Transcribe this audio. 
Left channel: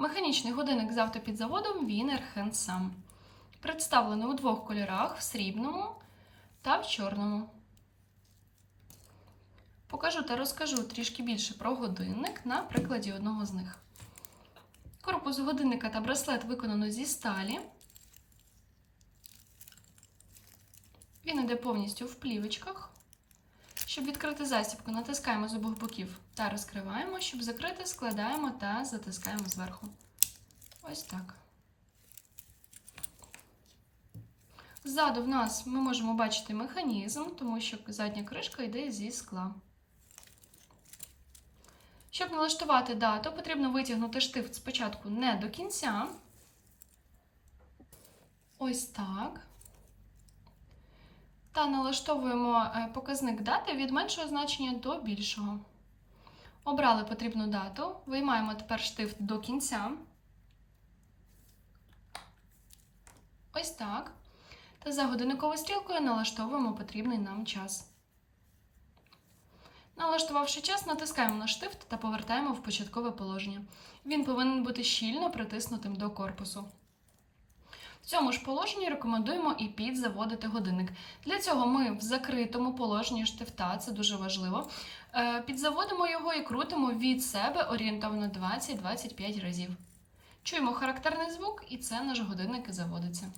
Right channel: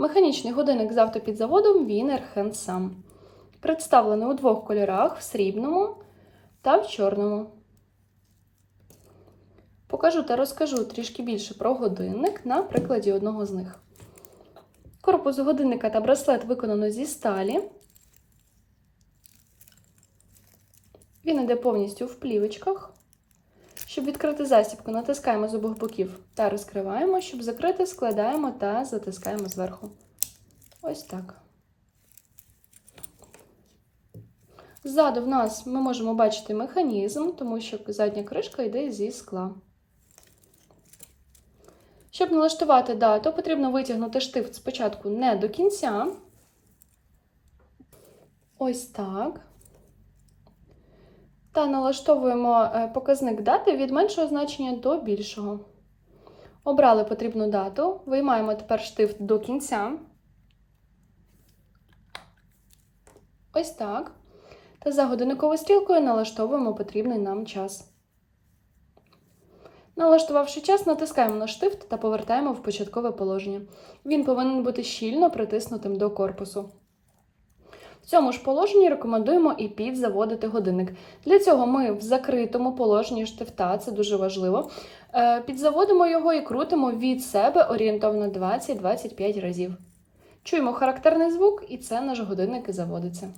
Механічний годинник з автопідзаводом Wiener Handsam. Представлений у двох кольорах в срібному та в чорному. Покажу та розкажу трішки більше про годинник на прикладі одного з них. Корпус годинника та браслет виконано зі сталі. Він йде повністю в плівочках. Щоб відкрити застібку, натискаємо з обох боків та розкриваємо. Щоб закрити, складаємо та затискаємо зверху. Ось так. Ззаду в нас ми можемо бачити механізм, тому що задня кришка йде зі скла. Щоб налаштувати дату, потрібно витягнути штифт спочатку не до кінця. Ось так. Та налаштовуємо е, показник дати від меншого значення до більшого. Обрали потрібну дату, виймаємо тепер штифт до кінця. Ось так. Та за годинниковою стрілкою налаштовуємо потрібний нам час. Налаштувавши час, натискаємо на штифт та повертаємо в початкове положення. Він повинен бути щільно притиснутим до корпусу. В цьому ж положенні рекомендуємо і підзаводити годинник. Для цього ми в закритому положенні штифта, це дуже важливо, е, підзаводимо його і крутимо від себе орієнтовно 20-25 разів. Чуємо характерний звук, і це наш годинник і заводиться.